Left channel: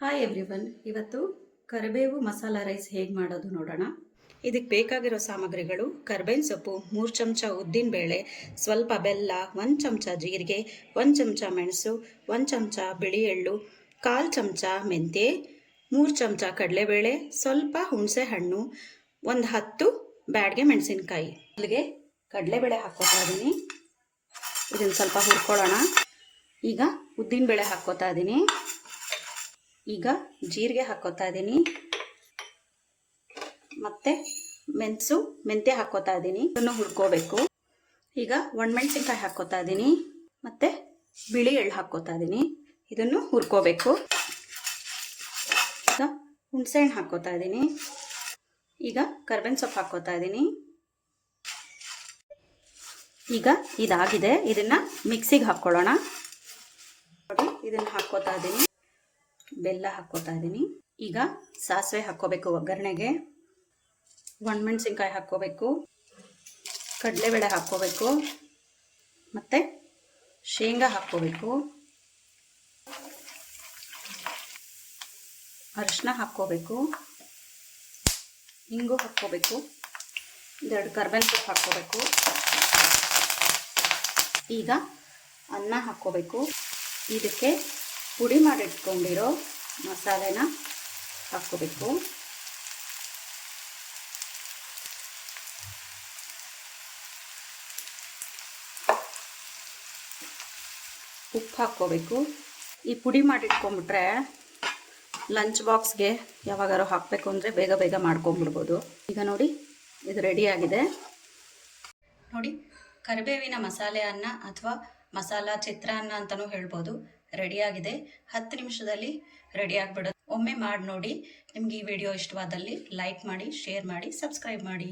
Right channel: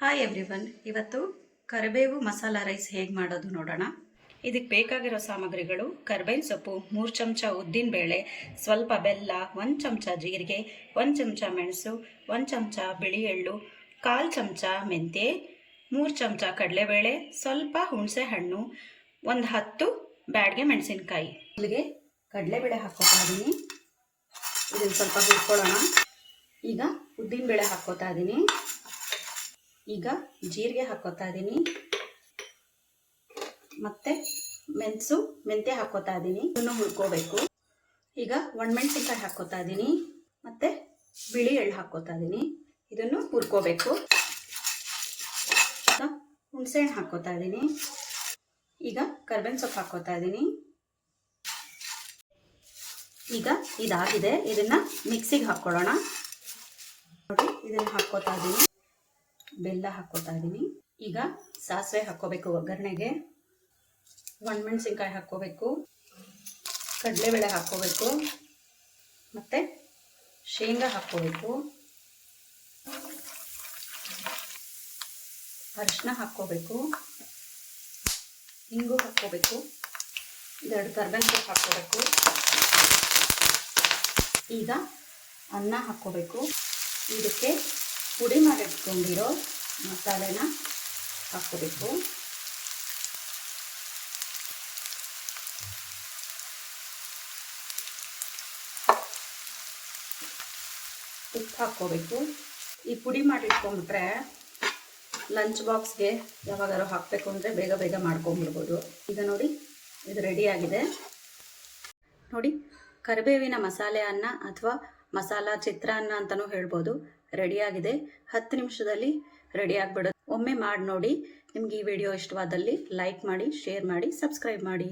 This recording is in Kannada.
ಹಾಯ್ ಎವ್ರಿವನ್, ಇವತ್ತು ಕರಿಬೇವು ಮಸಾಲ ರೈಸ್ ಹೇಗೆ ಮಾಡೋದು ನೋಡೋಣ. ಇದಕ್ಕೆ ಬೇಕಾಗಿರೋ ಸಾಮಗ್ರಿಗಳು: ಕರಿಬೇವಿನ ಸೊಪ್ಪು, 3 ಚಮಚ ಉದ್ದಿನಬೇಳೆ, ಸ್ವಲ್ಪ ಬೆಲ್ಲ, 1 ಚಮಚ ಜೀರಿಗೆ, 1 ಚಮಚ ಮೆಣಸು, 1 ಚಮಚ ಬಿಳಿ ಎಳ್ಳು, 1/4 ಚಮಚ ಮೆಂತ್ಯ, 3 ಚಮಚ ಕಡಲೆಬೇಳೆ, ಸ್ವಲ್ಪ ಹುಣಸೆ ಹಣ್ಣು, ಒಂದು 10 ಬ್ಯಾಡಗೆ ಮೆಣಸಿನಕಾಯಿ. ಇಲ್ಲಿಗೆ ಕಡಲೆಬೇಳೆ ಹಾಕ್ಕೋತಾ ಇದ್ದೀನಿ. ಇದನ್ನು ಸ್ವಲ್ಪ ಹುರ್ಕೊಳ್ಳೋಣ. ಈಗ ಉದ್ದಿನಬೇಳೆ ಹಾಕ್ಕೋತಾ ಇದ್ದೀನಿ. ಈಗ ಜೀರಿಗೆ ಹಾಕ್ಕೋತಾ ಇದ್ದೀನಿ. ಮತ್ತೆ ಮೆಂತ್ಯ ಹಾಕ್ಕೋತಾ ಇದ್ದೀನಿ. ಇದನ್ನು ಹುರ್ಕೋಬೇಕು. ಈಗ ಒಣಮೆಣಸಿನಕಾಯಿ ಹಾಕ್ಕೋತಾ ಇದ್ದೀನಿ. ಮತ್ತೆ ಬಿಳಿ ಎಳ್ಳು ಹಾಕ್ಕೋತಾ ಇದ್ದೀನಿ. ಇದನ್ನು ಹುರ್ಕೋಬೇಕು. ಈಗ ಹುಣಸೆಹಣ್ಣು ಹಾಕ್ಕೋತಾ ಇದ್ದೀನಿ. ಈಗ ಕರಿಬೇವಿನ ಸೊಪ್ಪು ಹಾಕ್ಕೋತಾ ಇದ್ದೀನಿ. ಈಗ ಇದಾಗಿದೆ. ಇದನ್ನ ಮಿಕ್ಸಿಗೆ ಹಾಕ್ಕೊಳ್ಳೋಣ. ನೋಡಿ, ಇದನ್ನು ಹಾಕ್ಕೋತಾ ಇದ್ದೀನಿ. ಬೆಲ್ಲ ಹಾಕ್ಕೋತಾ ಇದ್ದೀನಿ. ಈಗ ಸಾಸಿವೆ ಹಾಕ್ಕೋಬೇಕು ಒಗ್ಗರಣೆಗೆ. ಒಣಮೆಣಸಿನ್ಕಾಯಿ ಹಾಕ್ಕೋಬೇಕು. ಕಡಲೆಬೇಳೆ ಹಾಕ್ಕೋಬೇಕು. ಮತ್ತು ಶೇಂಗಾ ಹಾಕ್ಕೋಬೇಕು. ಅರಿಶಿನ ಹಾಕ್ಕೋಬೇಕು. ಹಿಂಗು ಹಾಕ್ಕೋಬೇಕು. 2 ಕರಿಬೇವಿನ ಸೊಪ್ಪು ಹಾಕ್ಕೋಬೇಕು. ಈಗ ಅನ್ನ ಹಾಕ್ಕೋಬೇಕು. ಇದಕ್ಕೆ ಪುಡಿ ಮಾಡಿಟ್ಕೊಂಡಿರೋ ಮಸಾಲೆನ ಹಾಕ್ಕೋಬೇಕು. ಉಪ್ಪು ಹಾಕ್ಕೋಬೇಕು. ಈ ಪುಡಿ ಮಾಡಿಟ್ಕೊಂಡ್ಬಿಟ್ರೆ ಲಂಚ್ ಬಾಕ್ಸ್ಗೆ ಯಾವಾಗಾರು ಹಾಕಬೇಕು ಅಂದರೆ ಬೇಗ ಬೇಗ ಮಾಡ್ಕೊಂಬಿಡ್ಬೋದು. ಈಗ ನೋಡಿ, ಇದು ರೆಡಿಯಾಗಿದೆ. ನೋಡಿ, ಕರಿಬೇವಿನ ಮಸಾಲೆ ಅನ್ನ ಅಥವಾ ಮಸಾಲ ಚಿತ್ರಾನ್ನ ಅಂತಲೂ ಹೇಳ್ಬೋದು. ರೆಡಿಯಾಗಿದೆ. 10 ನಿಮಿಷದಲ್ಲಿ ರೆಡಿ ಆಗಿಬಿಡೋದು. ಒಮ್ಮೆ ಮಾಡಿ ನೋಡಿ. ನಿಮ್ಗೆ ಈ ವಿಡಿಯೋ ಇಷ್ಟವಾದಲ್ಲಿ ಲೈಕ್ ಮಾಡಿ, ಶೇರ್ ಮಾಡಿ, ಸಬ್ಸ್ಕ್ರೈಬ್ ಮಾಡಿ.